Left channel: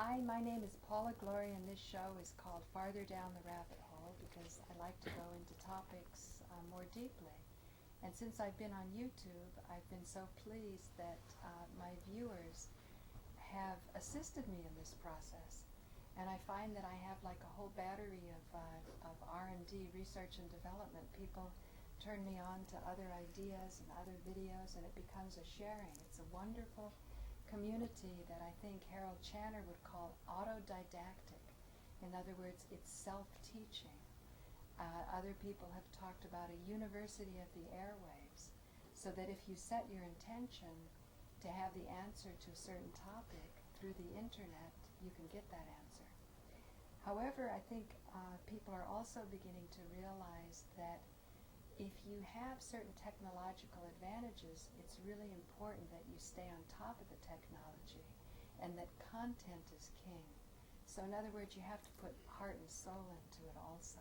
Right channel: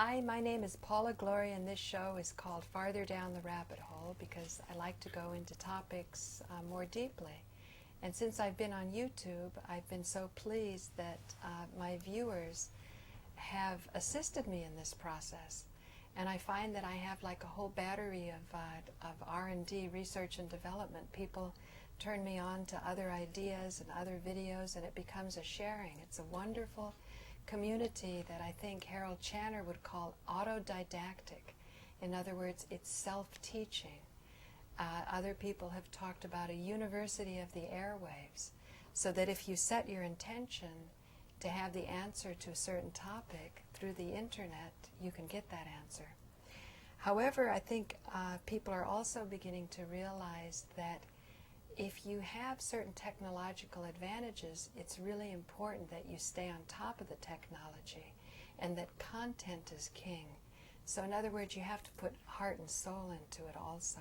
Hi, my name is Paula Gloria, and this show is called Farther Down the Rabbit Hole because I like to go into topics more deeply. And since I've been on YouTube, I've been so pleased that my viewers have assisted me in this process. And I find that I have like a whole battery of R&D, research and development. People turn me on to other ideas and other videos, and it becomes a sharing. It's a wonderful community that I think Harold Channer would call autodidactic. In other words, it's self-teaching. Other people have talked about a university of the airwaves, so that if you set your intention to have the answer to a certain topic through the internet, you can get that answer. However, I think people are also beginning to realize that if you have certain technological advantages, it's really important that you stay on top of the technology and that content is king. So in other words, you have to put heart and soul into it also.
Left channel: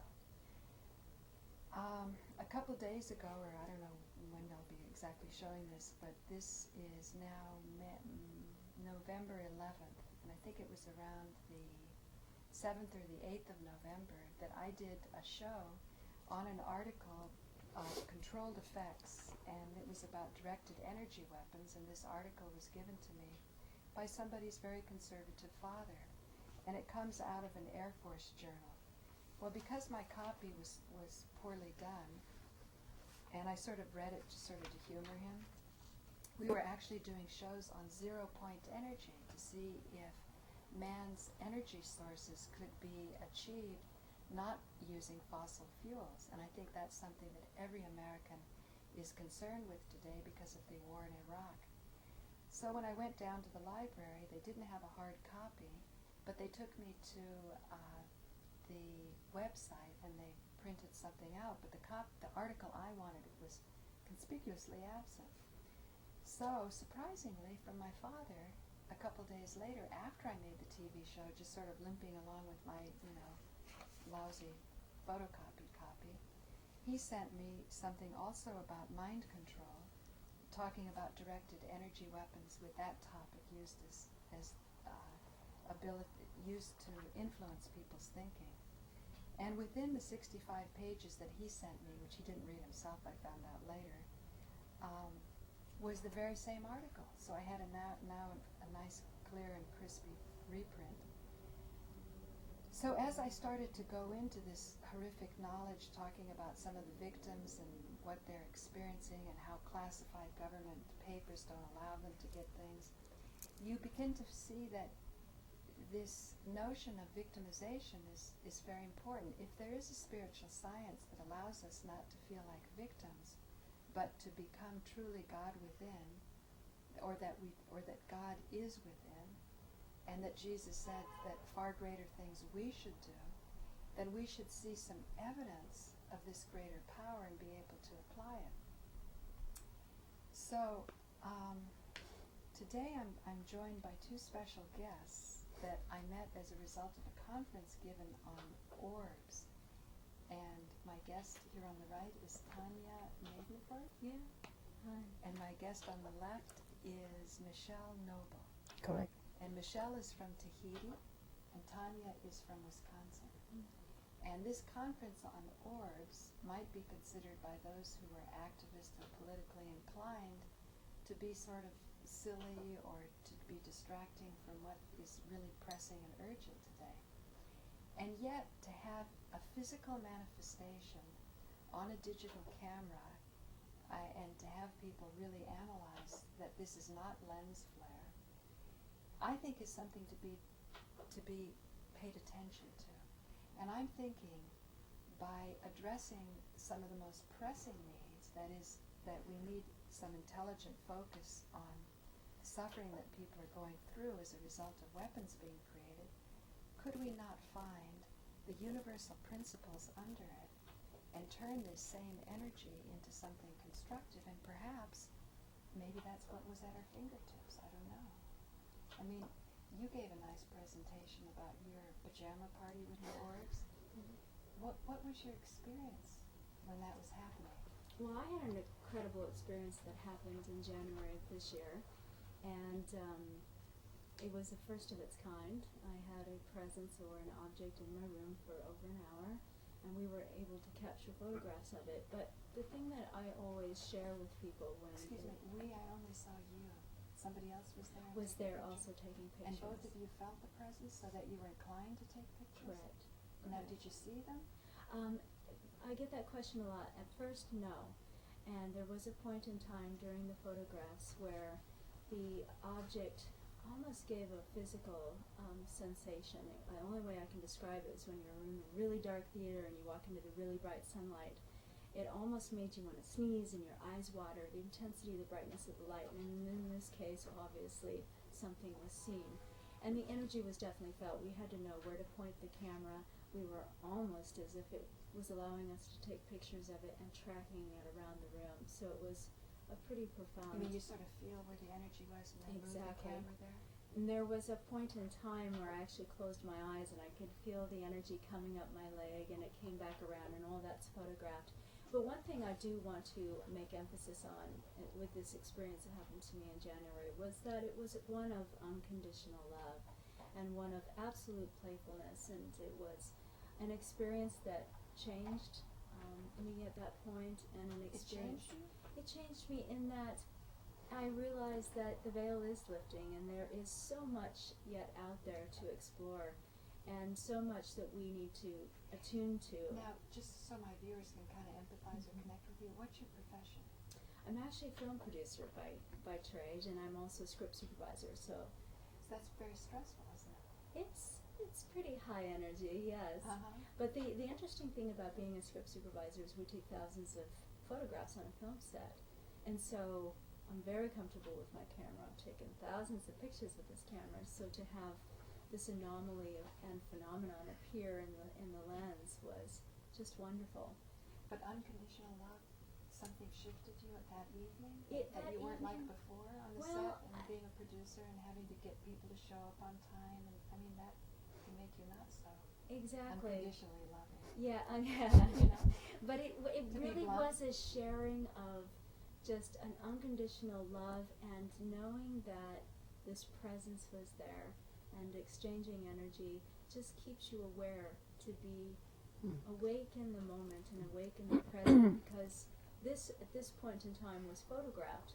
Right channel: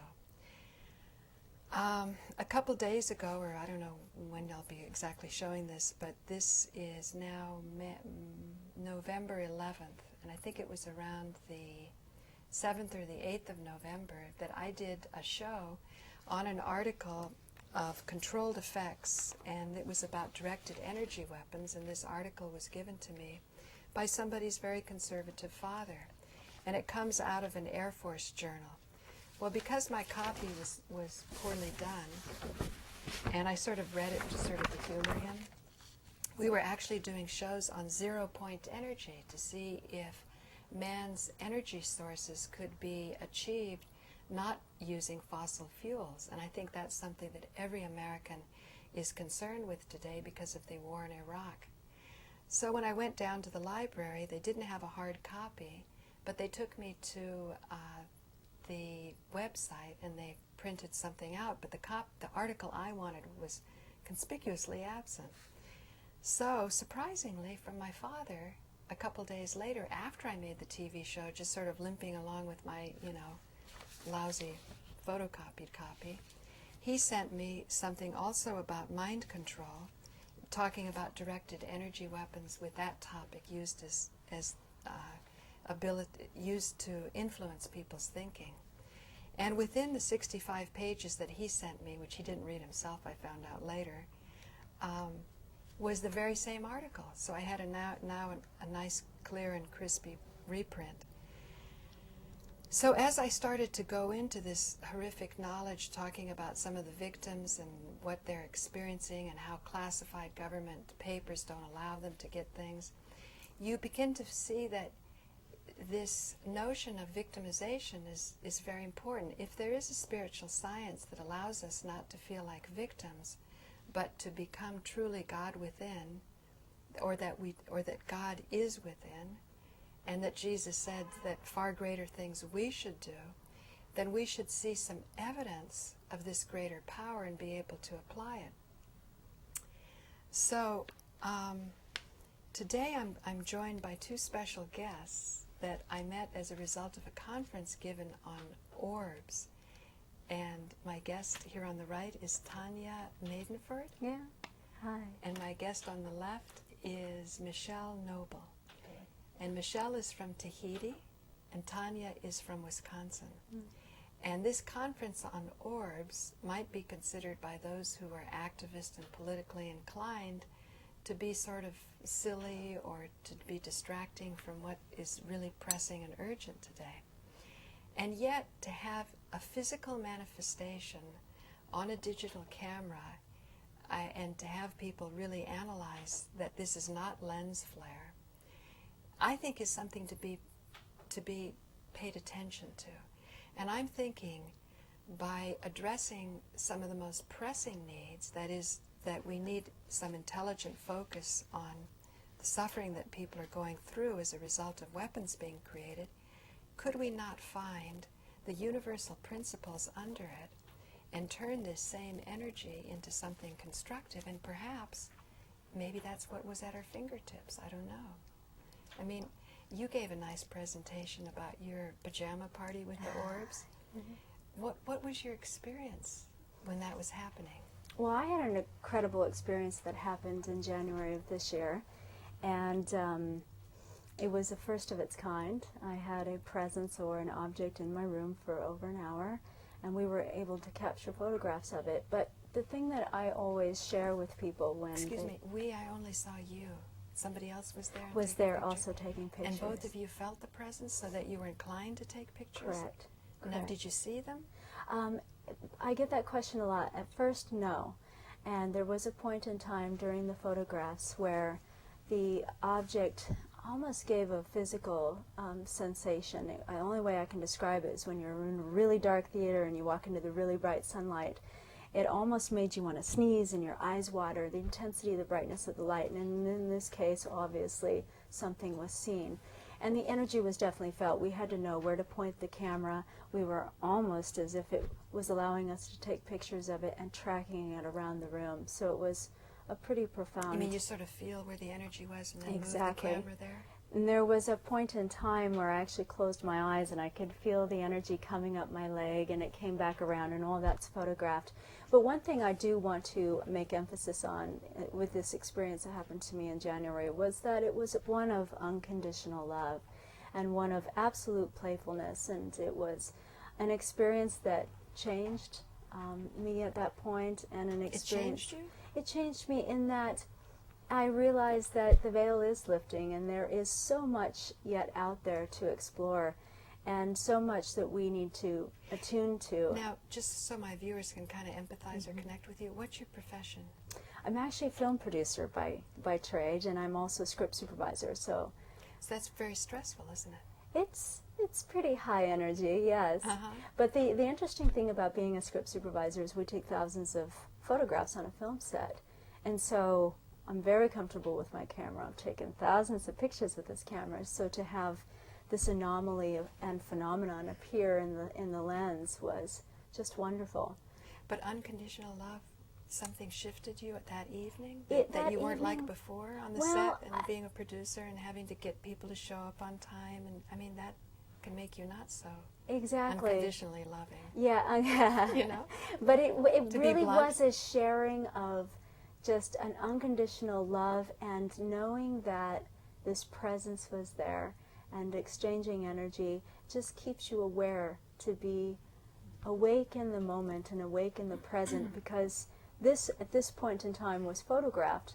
A couple days ago, or I don't know when I'll be exactly showing this, but this is now November 11th, and I think it was around the 7th or the 8th of November that I did a show on an article of controlled effects, and it was about directed energy weapons, and this article was given to me by somebody's very conservative father, and it comes out of an Air Force journal. Well, because my copy was poorly done, and I sort of read it just sort of to humor him, we were actually doing shows on zero-point energy to see if man's energy sources could be achieved not using fossil fuels. And I think that's something that every American is concerned with today because of the war in Iraq. So when I went down to the library, they didn't have a hard copy, but they took me to the website and they printed something out, but the article I wanted was conspicuously absent. So surprisingly, from my father, a couple days later, after I made the TV show, just sort of limping along with my, lousy photocopied copy, he sent me something also about mind control, talking about directed energy weapons with that topic used used to influence people's thinking. And within the 65 pages that he sent me, which he didn't read himself, I found out later, was the very same article. So I had now a nice, clear and crispy reprint. So as I started to go into this horrific knowledge, talking about some of the victims and what they're experiencing and how classified government papers don't allow them to get things, you begin to see that this notion of victimization is very important. If there is a spiritual science that allows us not to feel like victims, but to become truly God within, or that God is within, and that Jesus said that far greater things we should do, then we should see some evidence of this greater power and be able to apply it. So today I'm joined by two special guests that I met as a result of a conference given on Orbs. And my guest here on the right is Tonia Madenford. Yeah. Hi. And my guest on the left is Michele Noble. Correct. And Michele is from Tahiti, and Tonia is from Wisconsin. Mm. And this conference on Orbs might be considered by those who are activist and politically inclined to be sort of silly or to be distracting from what is really pressing and urgent today. And yet, to have a physical manifestation on a digital camera and to have people really analyze that this is not lens flare, I think is something to be paid attention to. And I'm thinking by addressing some of the most pressing needs, that is, that we need some intelligent focus on the suffering that people are going through as a result of weapons being created, could we not find the universal principles under it and turn this same energy into something constructive? And perhaps, maybe that's what was at our fingertips. I don't know. I mean, you gave a nice presentation about your pajama party with the Orbs. Mm-hmm. What was your experience when that was happening? Well, I had an incredible experience that happened in January of this year, and It was the first of its kind. I had a presence or an object in my room for over an hour, and we were able to capture photographs of it. But the thing that I always share with people when Excuse me, I only saw you. Somebody else was there? was taking there pictures? also taking pictures. And both of you felt the presence so that you were inclined to take pictures? Correct. Now, did you see them? I get that question a lot. At first, no. And there was a point in time during the photographs where the object almost gave a physical sensation. The only way I can describe it is when you're in a really dark theater and you walk into the really bright sunlight. It almost made you want to sneeze and your eyes water, the intensity, the brightness of the light. And in this case, obviously, something was seen. And the energy was definitely felt. We had to know where to point the camera. We were almost as if it was allowing us to take pictures of it and tracking it around the room. So it was a pretty profound... You mean you sort of feel where the energy was and then Exactly. move the camera there? And there was a point in time where I actually closed my eyes and I could feel the energy coming up my leg, and it came back around, and all that's photographed. But one thing I do want to make emphasis on with this experience that happened to me in January was that it was one of unconditional love and one of absolute playfulness, and it was an experience that changed me at that point, and an experience... It changed you? It changed me in that I realized that the veil is lifting, and there is so much yet out there to explore, and so much that we need to attune to. Now, just so my viewers can kind of empathize or connect with you, what's your profession? I'm actually a film producer by trade, and I'm also a script supervisor, so that's very stressful, isn't it? it's pretty high energy, yes. But the interesting thing about being a script supervisor is we take thousands of photographs on a film set, and so I'm very comfortable with my camera. I've taken thousands of pictures with this camera, so to have this anomaly and phenomenon appear in the lens was just wonderful. But unconditional love, something shifted you at that evening That you weren't evening, like before on the well, set, and being a producer and having to get people to show up on time, and I mean that can make you not so exactly unconditionally loving. Yeah, you know. But it To really be blunt. was a sharing of just an unconditional love, and knowing that this presence was there, and exchanging energy just keeps you aware to be awake in the moment and awake in the present, because this at this point in time was photographed,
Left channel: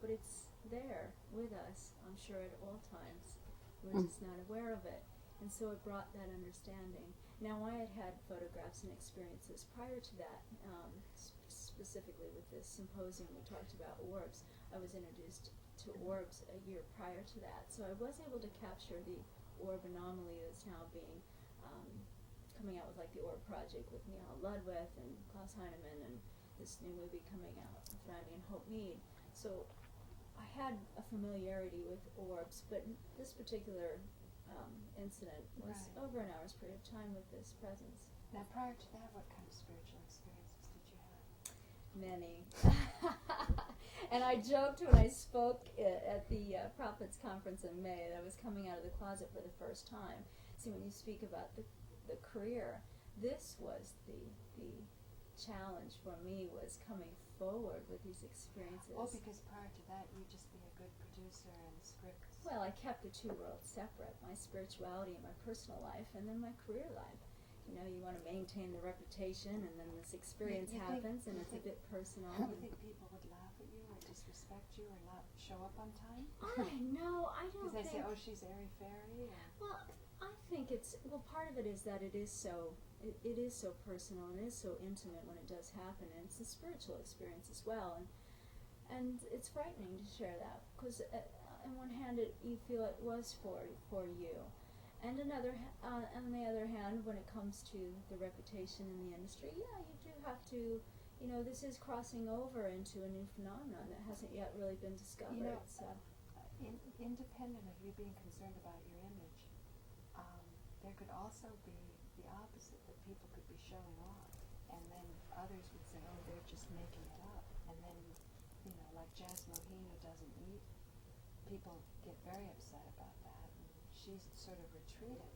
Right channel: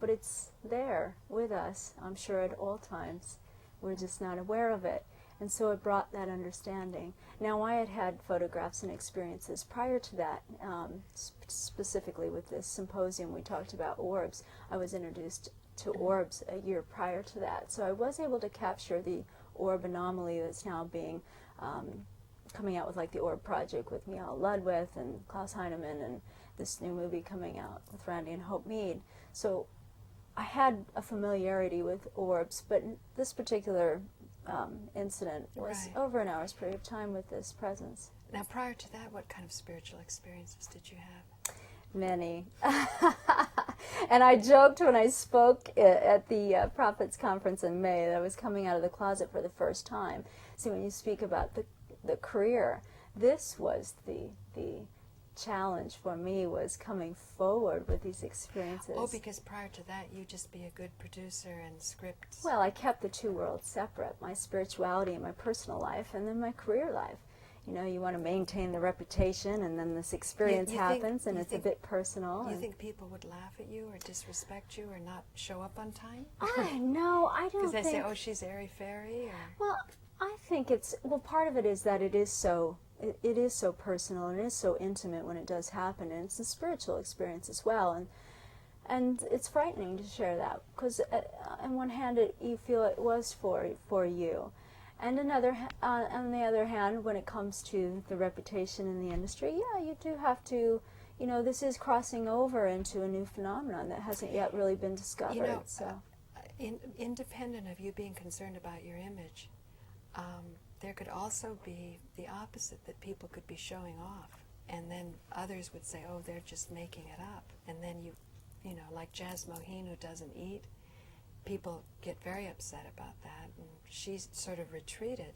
but it's there with us, I'm sure, at all times. We're just not aware of it. And so it brought that understanding. Now, I had had photographs and experiences prior to that, specifically with this symposium we talked about Orbs. I was introduced to Orbs a year prior to that. So I was able to capture the orb anomaly that's now being coming out with, like, the Orb Project with Michele Noble and Klaus Heinemann, and this new movie coming out with Randy and Hope Mead. So I had a familiarity with orbs, but this particular incident was Right. over an hour's period of time with this presence. Now, prior to that, what kind of spiritual experiences did you have? Many. And I joked when I spoke at the Prophets Conference in May that I was coming out of the closet for the first time. See, when you speak about the career, this was the challenge for me, was coming forward with these experiences. Oh, because prior to that, you'd just be a good producer and script. Well, I kept the two worlds separate, my spirituality and my personal life, and then my career life. You know, you want to maintain the reputation, and then this experience happens, and it's a bit personal. You think people would laugh at you or disrespect you or not show up on time? I know, I don't think... Because they say, oh, she's airy-fairy? Well, I think part of it is that it is so personal, and it is so intimate when it does happen, and it's a spiritual experience as well, and it's frightening to share that, because on one hand you feel it was for you, and on the other hand, when it comes to the reputation in the industry, yeah, you do have to, you know, this is crossing over into a new phenomenon that hasn't yet really been discovered. You know, so independent of you being concerned about your image, there could also be the opposite, that people could be showing off, and then others would say, oh, they're just making it up. And then you know, like Jazz Moheen, who doesn't eat, people get very upset about that, and she's sort of retreated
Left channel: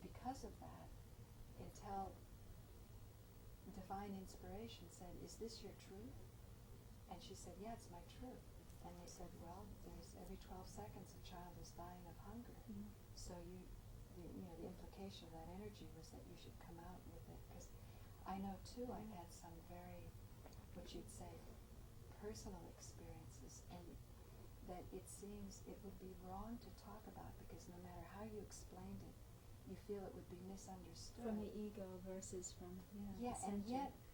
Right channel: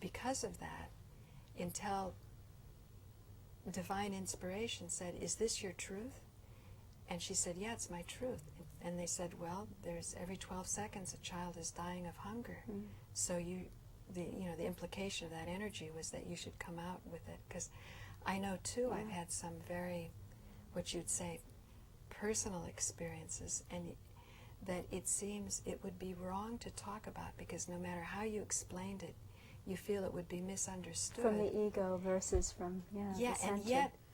because of that, until divine inspiration said, is this your truth? And she said, yeah, it's my truth. And they said, well, there's every 12 seconds a child is dying of hunger. So the implication of that energy was that you should come out with it. Because I know too, I've had some very, what you'd say, personal experiences, and that it seems it would be wrong to talk about, because no matter how you explained it, you feel it would be misunderstood. From the ego versus from the center.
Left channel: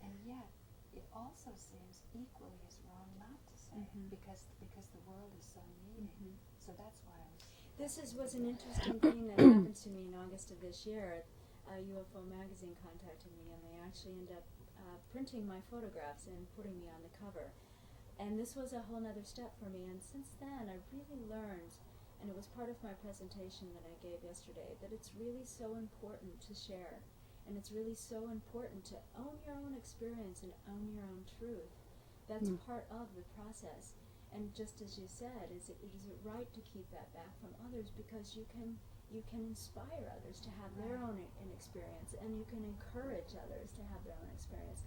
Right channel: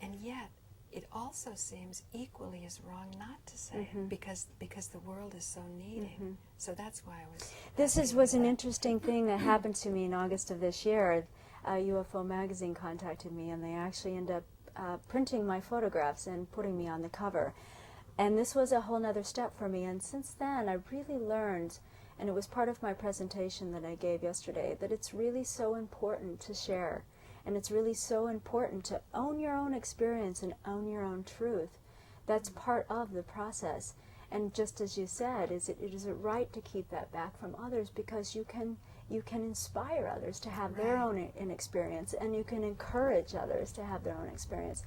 and yet it also seems equally as wrong not to say it, because the world is so needing. So that's why I was. This was an interesting thing that happened to me in August of this year. UFO Magazine contacted me, and they actually ended up printing my photographs and putting me on the cover. And this was a whole nother step for me. And since then, I really learned, and it was part of my presentation that I gave yesterday, that it's really so important to share. And it's really so important to own your own experience and own your own truth. That's part of the process. And just as you said, is it right to keep that back from others, because you can inspire others to have their own experience, and you can encourage others to have their own experience.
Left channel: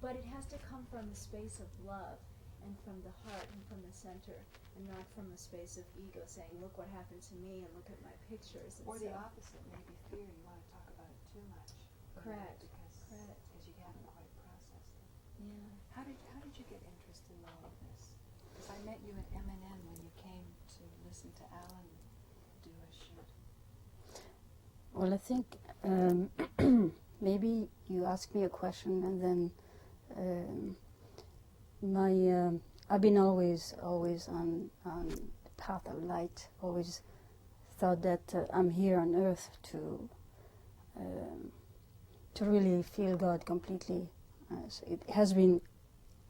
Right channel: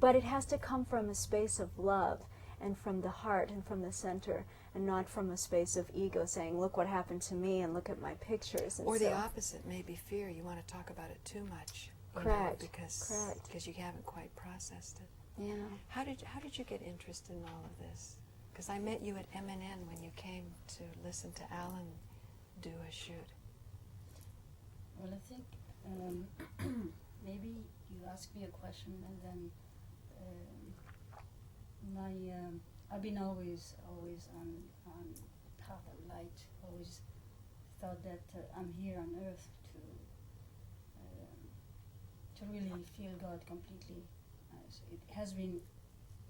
But it has to come from a space of love and from the heart and from the center, and not from a space of ego saying, look what happened to me and look at my pictures. And or the opposite, maybe fear. You want to talk about it too much. Correct. Because you haven't quite processed it. Yeah. How did you get interested in all of this? Because I met you at MNN when you came to listen to Alan do a shoot. Well, I think maybe you asked me a question, and then I've been always on the path of light. Always thought that I'm here on earth to really feel God completely. So it has been,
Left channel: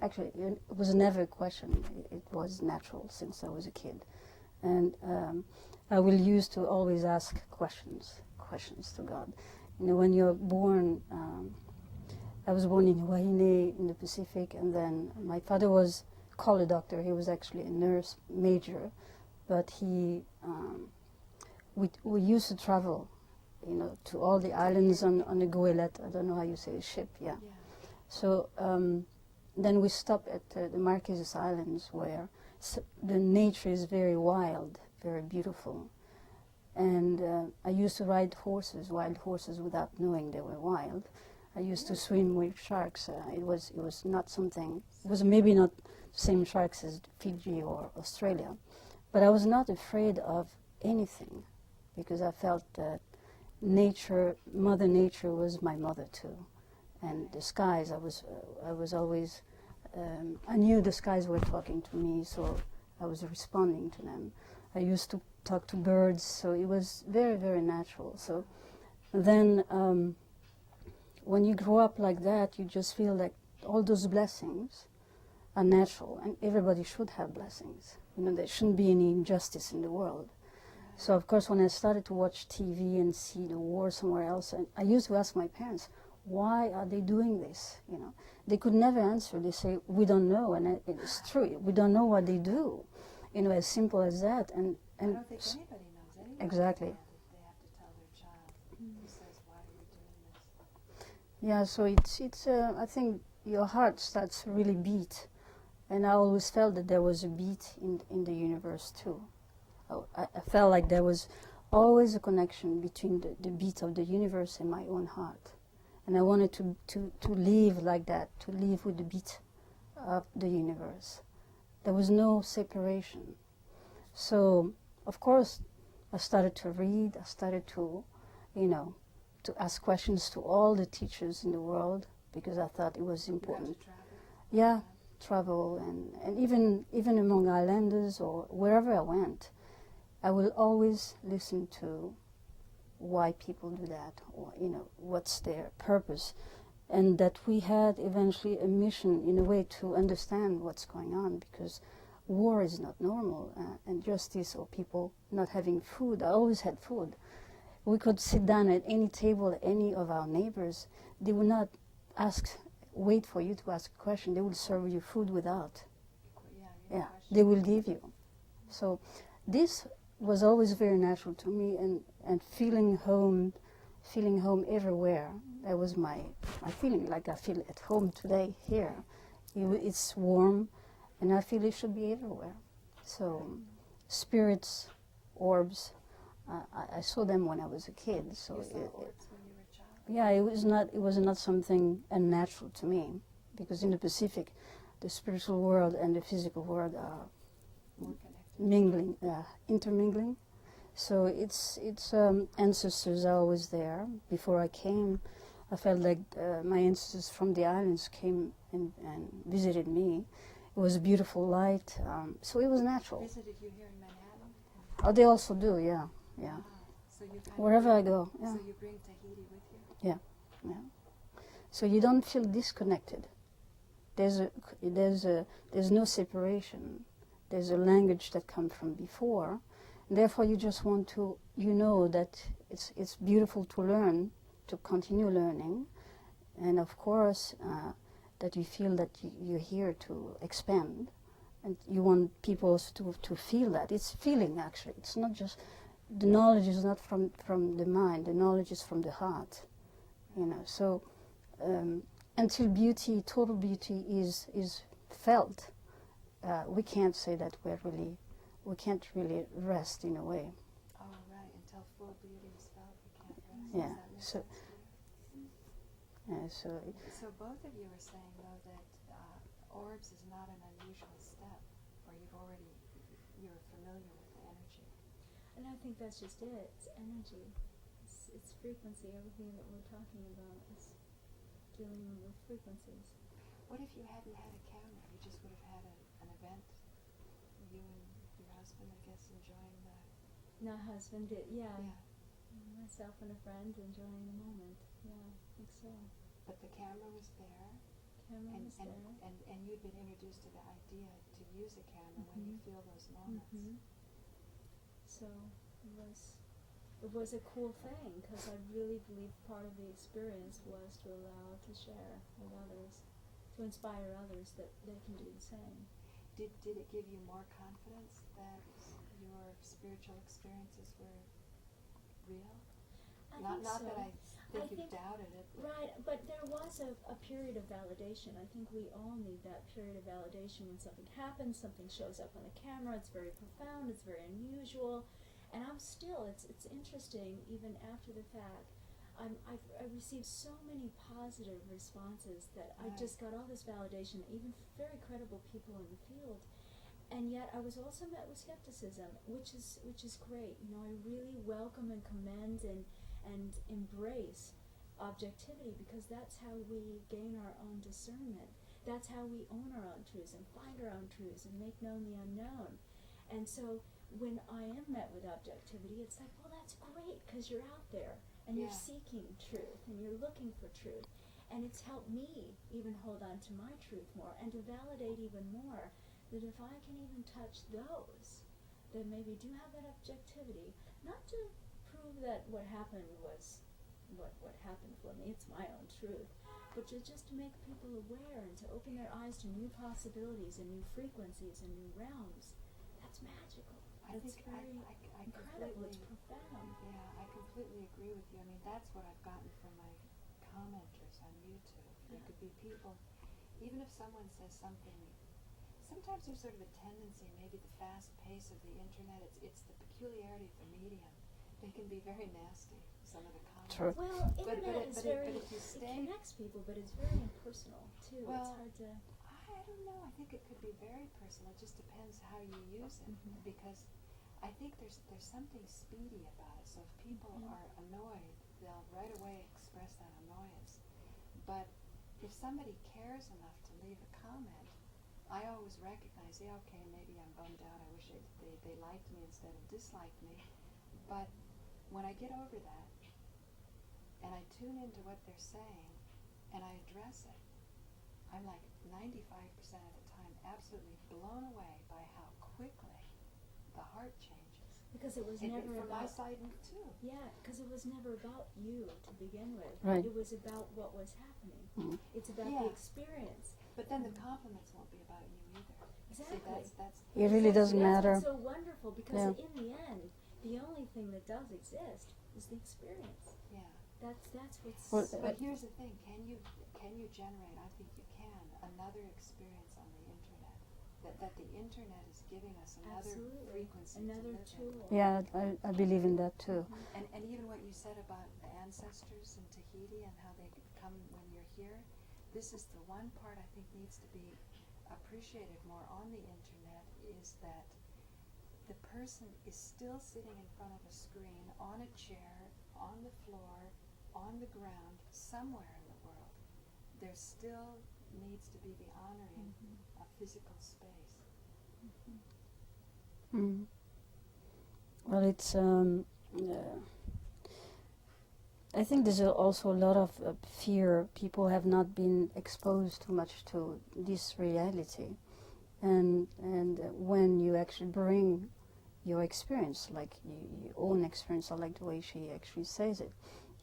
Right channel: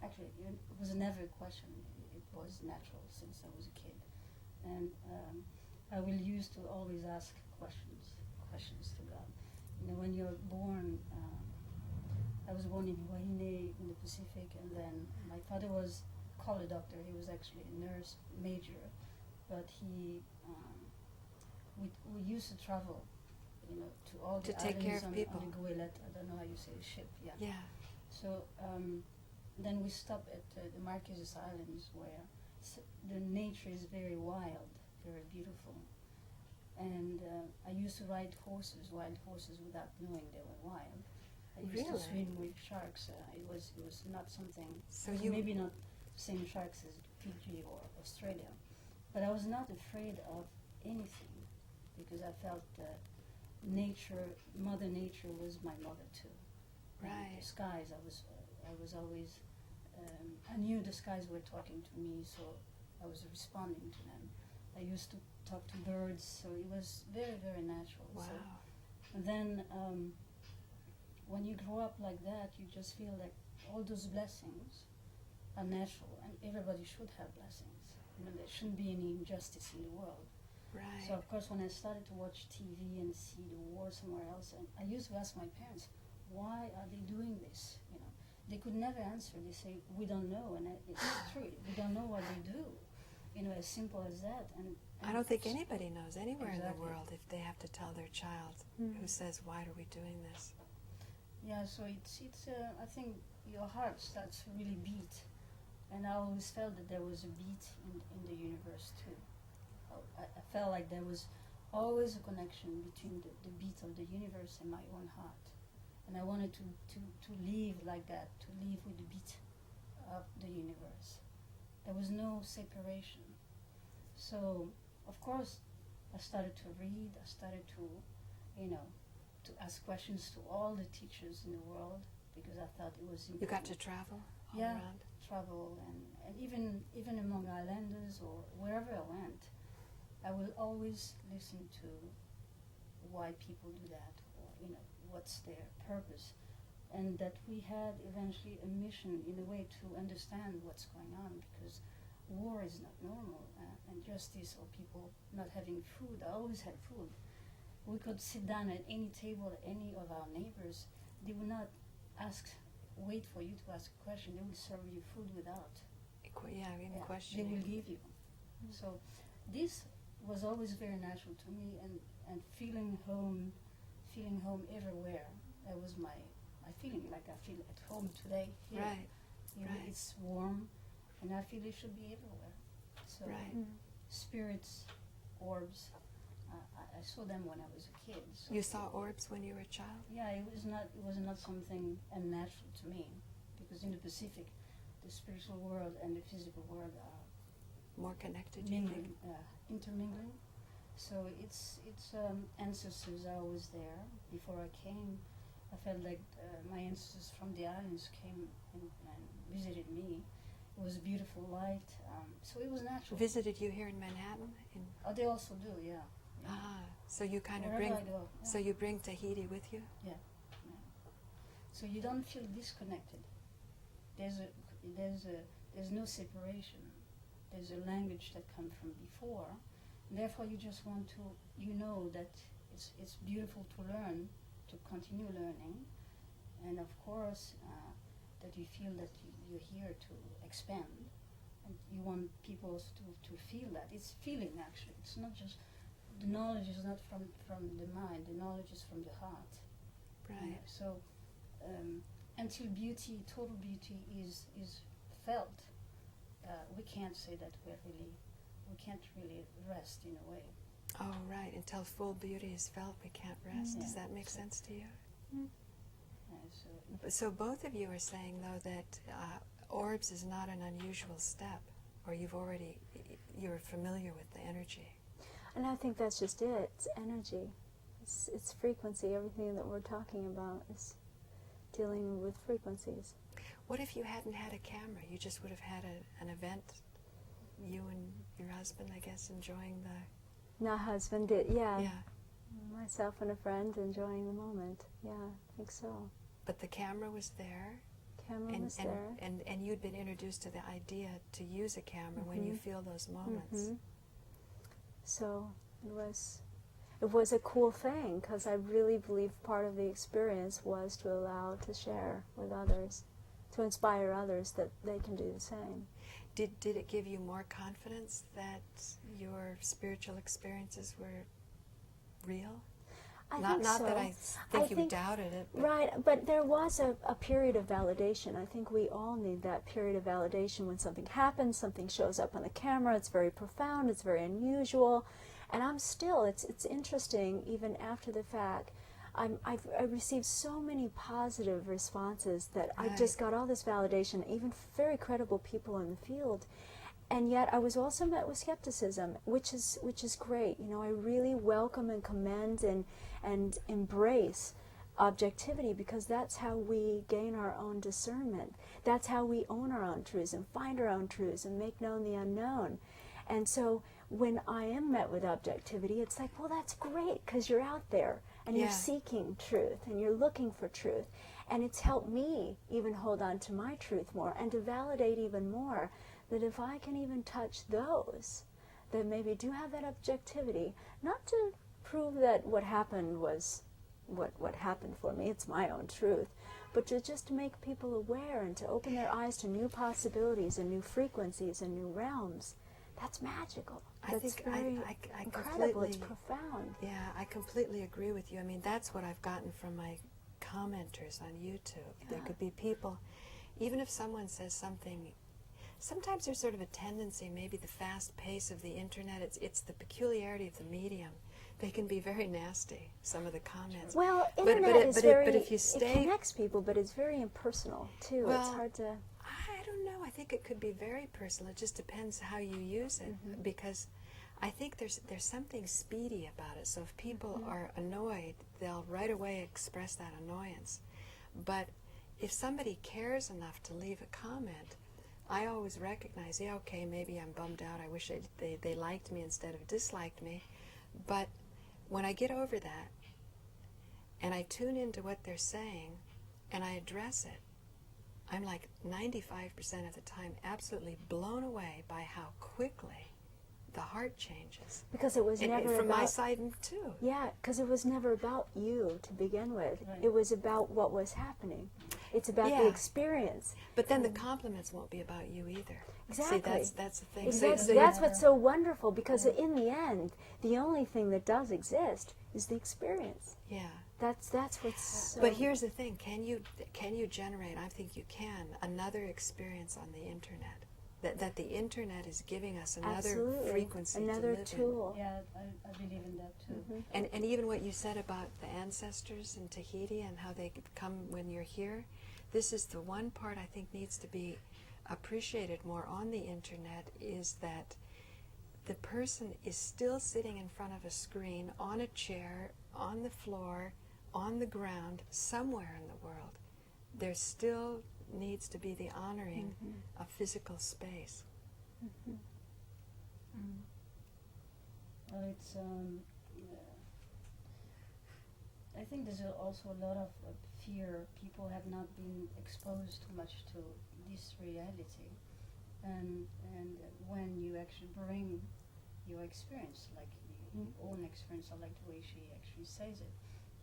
actually, it was never a question. It was natural since I was a kid, and I will used to always ask questions to God. You know, when you're born, I was born in Wahine in the Pacific, and then my father was called a doctor. He was actually a nurse major, but we used to travel, you know, to all the islands on the Goélette. I don't know how you say ship. Yeah. So then we stopped at the Marquesas Islands, where the nature is very wild, very beautiful. And I used to ride horses, wild horses, without knowing they were wild. I used to swim with sharks. It was not something. It was maybe not the same sharks as Fiji or Australia, but I was not afraid of anything, because I felt that nature, Mother Nature, was my mother too. And the skies, I was always. I knew the skies were talking to me, so I was responding to them. I used to talk to birds, so it was very, very natural. Wow. So then when you grow up like that, you just feel like all those blessings are natural, and everybody should have blessings. You know, there shouldn't be any injustice in the world. Right. So of course, when I started to watch TV and see the war somewhere else, and I used to ask my parents, why are they doing this? You know, they could never answer. They say, we don't know, and it's true. We don't know what they do. You know, as simple as that. And I don't think anybody knows anywhere in the world if they have to tell their child who says, why are we doing this? Yeah, so it's I think your heart starts to really beat. And I always felt that there was a beat in the universe too. I felt like there was always a connection between the beat of the universe and my own heart. And I wanted to live like that, to live with the beat of the universe. There was no separation. So, of course, I started to read, I started to, you know, to ask questions to all the teachers in the world, because I thought it was important. You got to travel? Yeah, around? Travel, and even among islanders or wherever I went, I will always listen to why people do that, or, you know, what's their purpose. And that we had eventually a mission, in a way, to understand what's going on, because war is not normal, and justice, or people not having food. I always had food. We could sit down at any table, any of our neighbors. They would not wait for you to ask a question. They would serve you food without. They will give you. So this was always very natural to me, and feeling home everywhere. That was my feeling, like I feel at home today here. Right. It's warm, and I feel it should be everywhere. So Right. spirits, orbs, I saw them when I was a kid. So You saw orbs when you were a child? yeah, it was not something unnatural to me, because in the Pacific, the spiritual world and the physical world are More connected? mingling, intermingling. So it's ancestors are always there. Before I came, I felt like my ancestors from the islands came and visited me. It was a beautiful light, so it was natural. Visited you here in Manhattan? Oh, they also do, yeah. Yeah. Ah, so you kind Wherever of I go. Yeah. So you bring Tahiti with you? Yeah. So you don't feel disconnected. There's no separation. There's a language that comes from before. Therefore, you just want to, you know that it's beautiful to learn, to continue learning, and of course that you feel that you're here to expand, and you want people also to feel that. It's feeling, actually. It's not just, the knowledge is not from the mind, the knowledge is from the heart. Right. You know, so until beauty, total beauty is felt, we can't say that we can't really rest in a way. Oh, right. Until full beauty is felt, we can't rest. Yeah. Does that make sense to you? So both of you are saying, though, that orbs is not an unusual step, or you're familiar with the energy. And I think that's just it. It's energy. It's frequency. Everything that we're talking about is dealing with frequencies. What if you hadn't had a camera? You just would have had an event, you and your husband, I guess, enjoying the... My husband did, yeah. Yeah. Myself and a friend enjoying the moment. Yeah, I think so. But the camera was there. Camera was there. And you'd been introduced to the idea to use a camera when you feel those moments. So it was a cool thing, because I really believe part of the experience was to allow to share with others, to inspire others that they can do the same. Did it give you more confidence that your spiritual experiences were real? Not that I think you doubted it. But right, but there was a period of validation. I think we all need that period of validation when something happens, something shows up on the camera, it's very profound, it's very unusual, and it's interesting, even after the fact, I've received so many positive responses that I just got all this validation, even very credible people in the field. And yet I was also met with skepticism, which is great. You know, I really welcome and commend and embrace objectivity, because that's how we gain our own discernment. That's how we own our own truths and find our own truths and make known the unknown. And so when I am met with objectivity, it's like, well, that's great, because you're out there and you're seeking truth and you're looking for truth. And it's helped me even hold on to my truth more and to validate even more that if I can even touch those that maybe do have that objectivity, not to prove that what happened was what happened for me, it's my own truth, but just to make people aware and to open their eyes to new possibilities and new frequencies and new realms. That's magical. That's very incredible. It's profound. Yeah, I completely agree with you. I mean, that's what I've gotten from my commenters on YouTube. There could be people, even if someone says something, sometimes there's sort of a tendency, maybe the fast pace of the internet, it's the peculiarity of the medium. They can be very nasty, some of the comments. Well, it connects people, but it's very impersonal, too. Well, it's hard to... I don't know. I think it could be very personal. It just depends how you use it, because I think there's something speedy about it. So if people are annoyed, they'll right away express that annoyance. But if somebody cares enough to leave a comment, I always recognize, yeah, okay, maybe I'm bummed out. I wish they liked me instead of disliked me. But when I get over that and I tune into what they're saying and I address it, I'm like 95% of the time absolutely blown away by how quickly the heart changes. Because it was never from about... my side too. Yeah, because it was never about you to begin with. Right. It was about what was happening. It's about the experience. But then the compliments won't be about you either. Exactly. See, that's the thing. It really That's doesn't matter. what's so wonderful, because in the end, the only thing that does exist is the experience. Yeah. That's what's... But here's the thing, can you generate, I think you can, another experience on the internet that the internet is giving us another Absolutely. frequency Another to live tool. Yeah, I believe in that too. And even what you said about the ancestors in Tahiti and how they come when you're here, this is the one part I think needs to be appreciated more on the internet, is that the person is still sitting in front of a screen, on a chair, on the floor, on the ground, somewhere in the world. There still needs to be the honoring of physical space. Well, it's I think there's also a lot of fear. People have not been exposed too much to this reality, and when you actually bring your experience, like your own experience, I like the way she actually says it,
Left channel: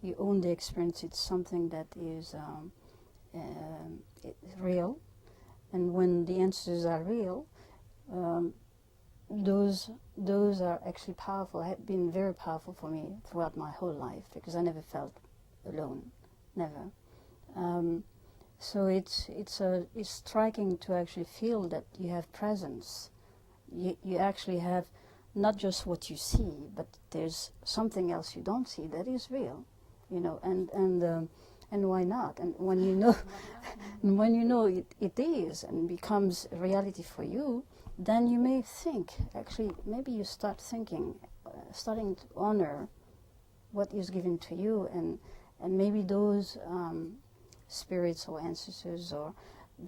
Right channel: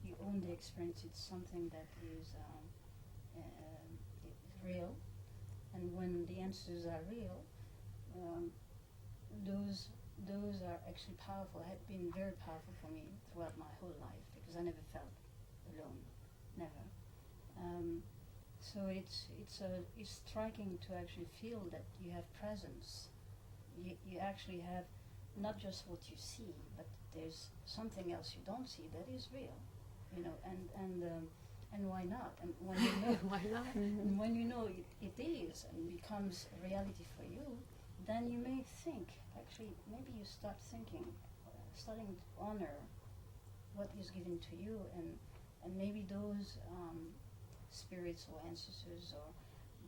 you own the experience, it's something that is real, and when the answers are real, those are actually powerful, have been very powerful for me throughout my whole life, because I never felt alone, never. So it's striking to actually feel that you have presence. You actually have not just what you see, but there's something else you don't see that is real, you know. And why not? And when you know, Why not? and when you know it is and becomes a reality for you, then you may think, actually, maybe you start thinking, starting to honor what is given to you, and maybe those spirits or ancestors, or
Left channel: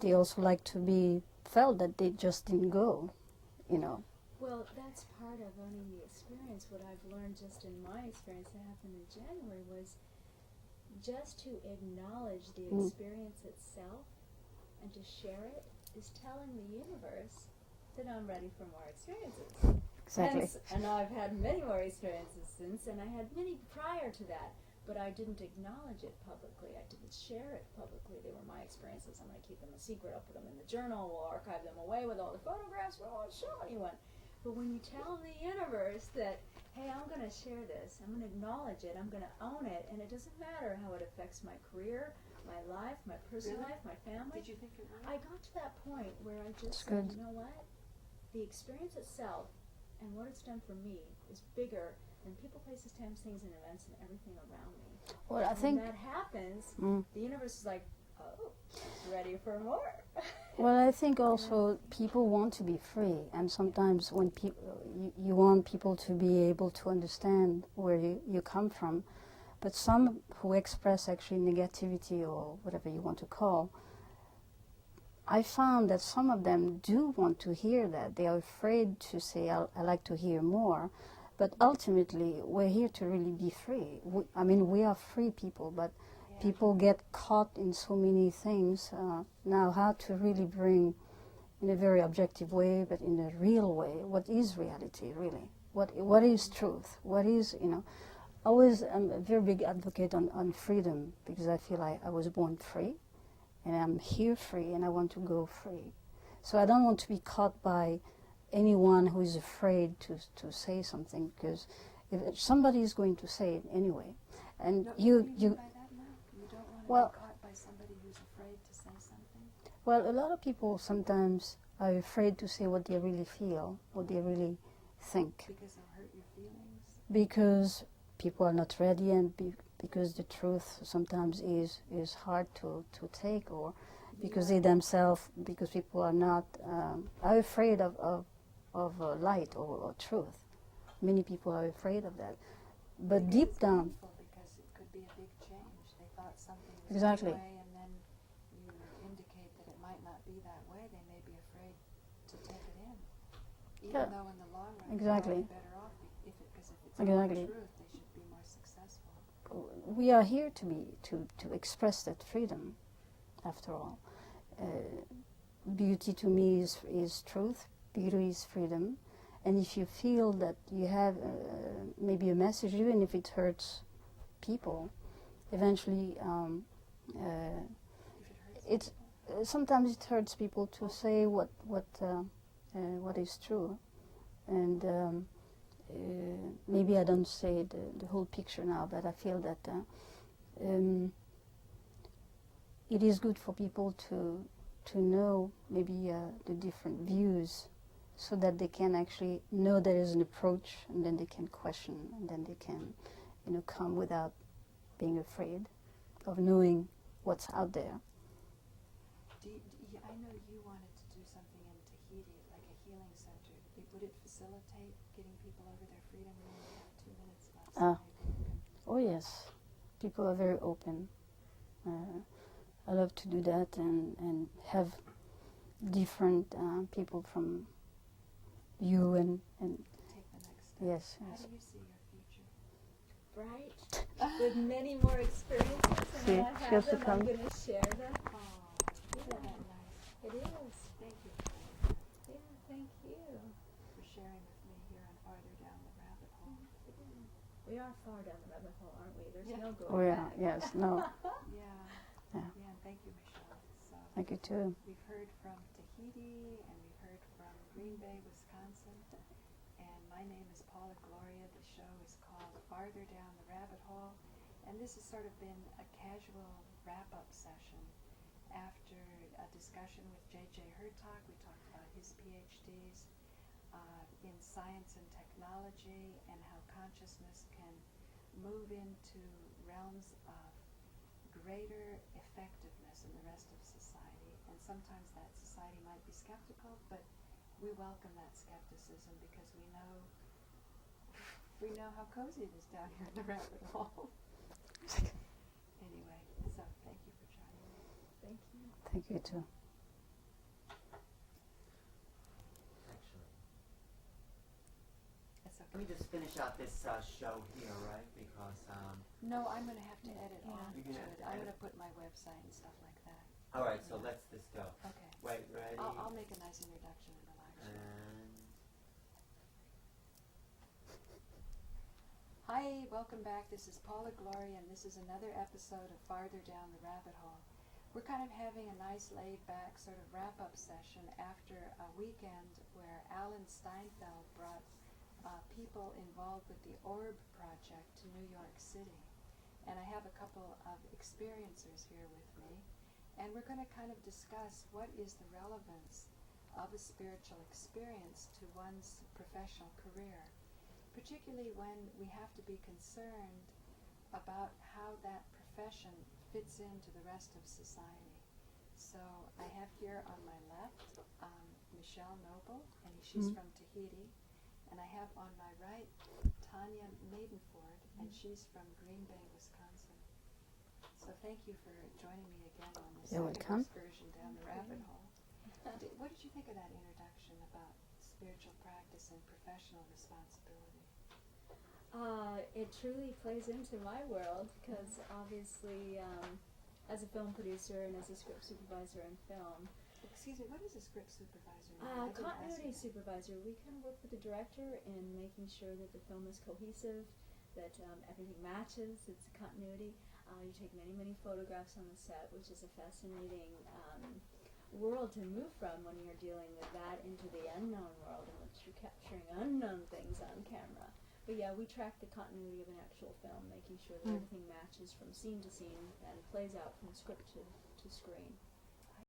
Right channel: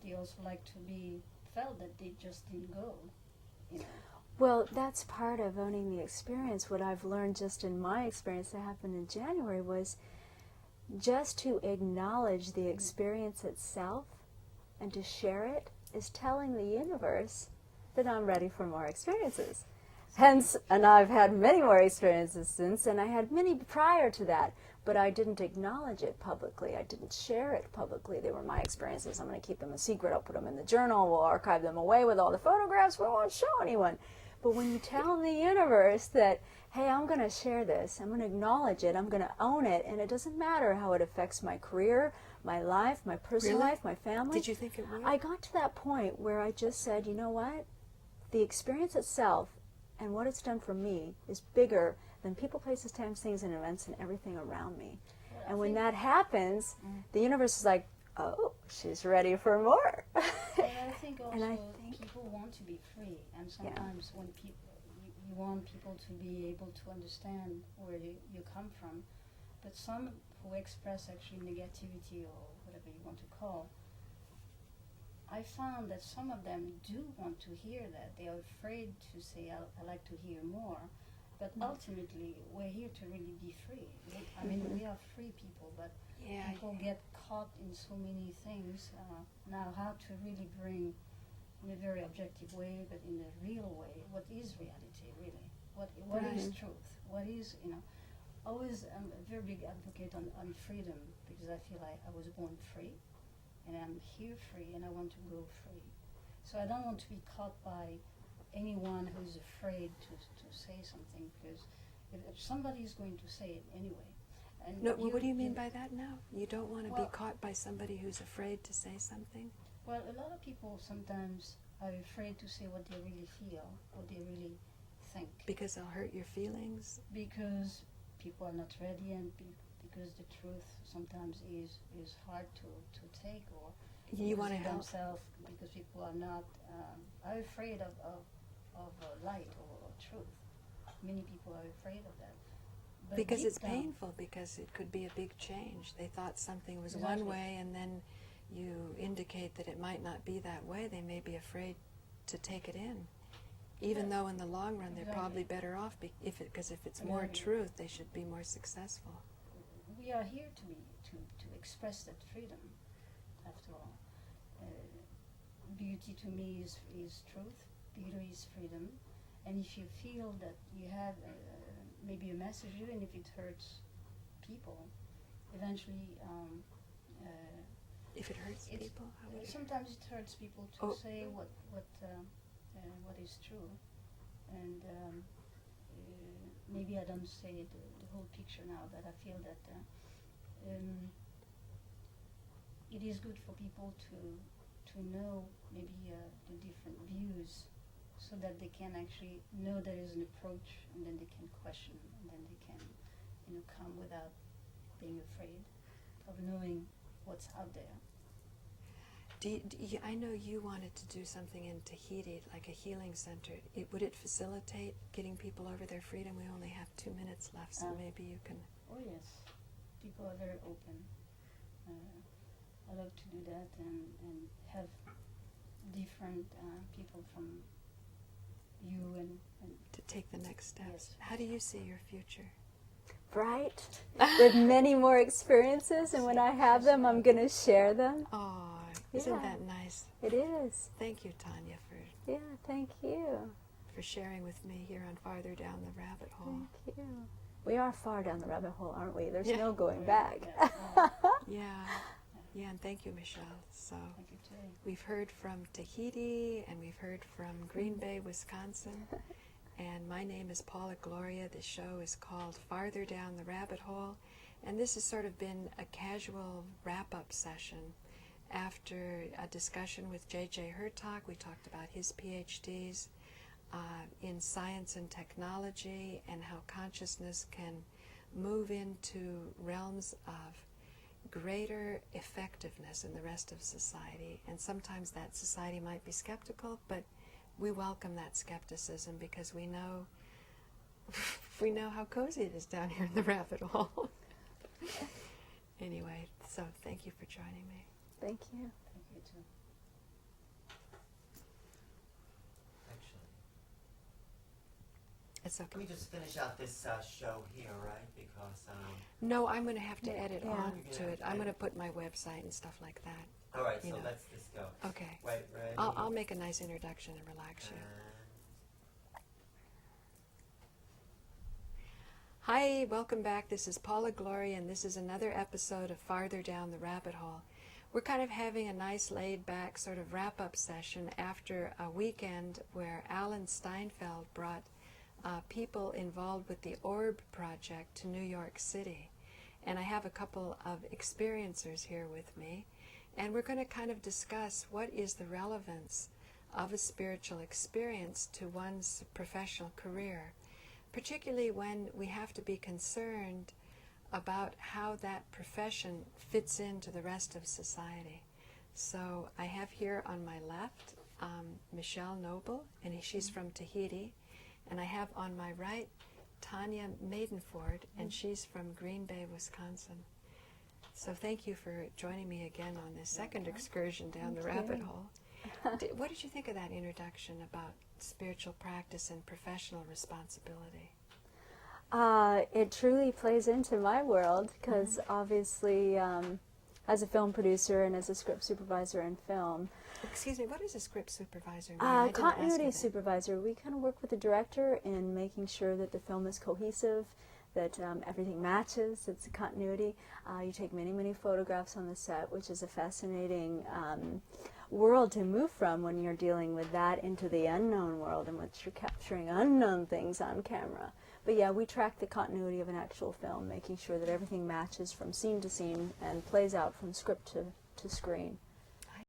they also like to be felt that they just didn't go, you know. Well, that's part of owning the experience. What I've learned just in my experience that happened in January was just to acknowledge the experience itself and to share it is telling the universe that I'm ready for more experiences. Hence, and I've had many more experiences since, and I had many prior to that, but I didn't acknowledge it publicly. I didn't share it publicly. They were my experiences. I'm going to keep them a secret. I'll put them in the journal. We'll archive them away with all the photographs. We won't show anyone. But when you tell the universe that, hey, I'm going to share this, I'm going to acknowledge it, I'm going to own it, and it doesn't matter how it affects my career, my life, my personal life, my family. Did you think it would? I got to that point where I just said, you know what? The experience itself and what it's done for me is bigger than people, places, times, things, and events and everything around me. Well, and when that happens, the universe is like, oh, she's ready for more. Well, I think also people want to be free, and sometimes when you want people to be able to understand where you come from, but some who express actually negativity or whatever you want to call, I found that some of them do want to hear that. They are afraid to say, I like to hear more, but ultimately we're here to really be free. We are free people, but people get caught in so many things. Now, how to really bring, in a very objective way, but in a real way, what is reality, really? What is truth? What is, always I'm a very big advocate on freedom, because I feel like I was born free, and I'm here free, and I want to go free. So I don't want to be caught by anyone who is afraid to say something, because if somebody is going to say it anyway. And what do you mean by that now? You don't want to be caught by somebody who's afraid to say something? Well, a lot of people sometimes are afraid to say what they really feel, what they really think. Because they'll hurt your feelings? Because people are not ready, and because the truth sometimes is hard to take, or because they themselves, because people are not, are afraid of light or truth. Many people are afraid of that. But because deep it's down, painful, because it could be a big change. They thought something was Exactly. one way, and then you indicate that it might not be that way. They may be afraid to take it in, even though in the long run they're probably better off, because if it's more truth, they should be more successful. We are here to express that freedom, after all. Beauty to me is truth, beauty is freedom. And if you feel that you have maybe a message, even if it hurts people, eventually if it hurts people, sometimes it hurts people to say what is true, and maybe I don't say the whole picture now, but I feel that it is good for people to know maybe the different views, so that they can actually know there is an approach, and then they can question, and then they can, come without being afraid of knowing what's out there. I know you wanted to do something in Tahiti, like a healing center. Would it facilitate getting people over their freedom? We only have 2 minutes left, so maybe you can... Oh yes, people are very open. I love to do that and have different people from you and to take the next step. Yes. How do you see your future? Bright, with many more experiences, and when I have them, I'm going to share them. Oh, isn't that nice? It is. Thank you, Tonia, for thank you. For sharing with me here on Farther Down the Rabbit Hole. Thank you. We are far down the rabbit hole, aren't we? There's Yeah. no going back. Yes, no. Yeah, and thank you, Michele. So Thank you too. we've heard from Tahiti, and we've heard from Green Bay, Wisconsin. And my name is Paula Gloria. The show is called Farther Down the Rabbit Hole. And this has sort of been a casual wrap-up session after a discussion with J.J. Hertog. We talked about his PhDs in science and technology, and how consciousness can move into realms of greater effectiveness in the rest of society. And sometimes that society might be skeptical, but we welcome that skepticism because we know how cozy it is down here in the rabbit hole. Anyway, so thank you for joining me. Thank you. Thank you too. It's okay. Can we just finish out this show here, right? Because No, I'm going to have to edit Yeah. on You're to gonna it. have to I'm going to edit. put my website and stuff like that. all right, You so know. let's just go. Okay. Wait, ready? I'll make a nice introduction and relax you. And Hi, welcome back. This is Paula Gloria, and this is another episode of Farther Down the Rabbit Hole. We're kind of having a nice laid-back sort of wrap-up session after a weekend where Alan Steinfeld brought people involved with the Orb project to New York City. And I have a couple of experiencers here with me, and we're going to kind of discuss what is the relevance of a spiritual experience to one's professional career, particularly when we have to be concerned about how that profession fits into the rest of society. So I have here on my left Michele Noble, and she's from Tahiti, and I have on my right Tonia Madenford, and she's from Green Bay, Wisconsin. So thank you for joining me again on this You're second welcome. excursion down the Okay. rabbit hole. What did you think of that introduction about spiritual practice and professional responsibility? It truly plays into my world because obviously, as a film producer and as a script supervisor in film, Excuse me, what is a script supervisor mean? I didn't ask you continuity that. supervisor, we kind of work with the director in making sure that the film is cohesive, that everything matches, it's a continuity. You take many, many photographs on the set, which is a fascinating world to move from when you're dealing with that into the unknown world in which you're capturing unknown things on camera. But yeah, we track the continuity of an actual film, making sure that everything matches from scene to scene and plays out from script to screen.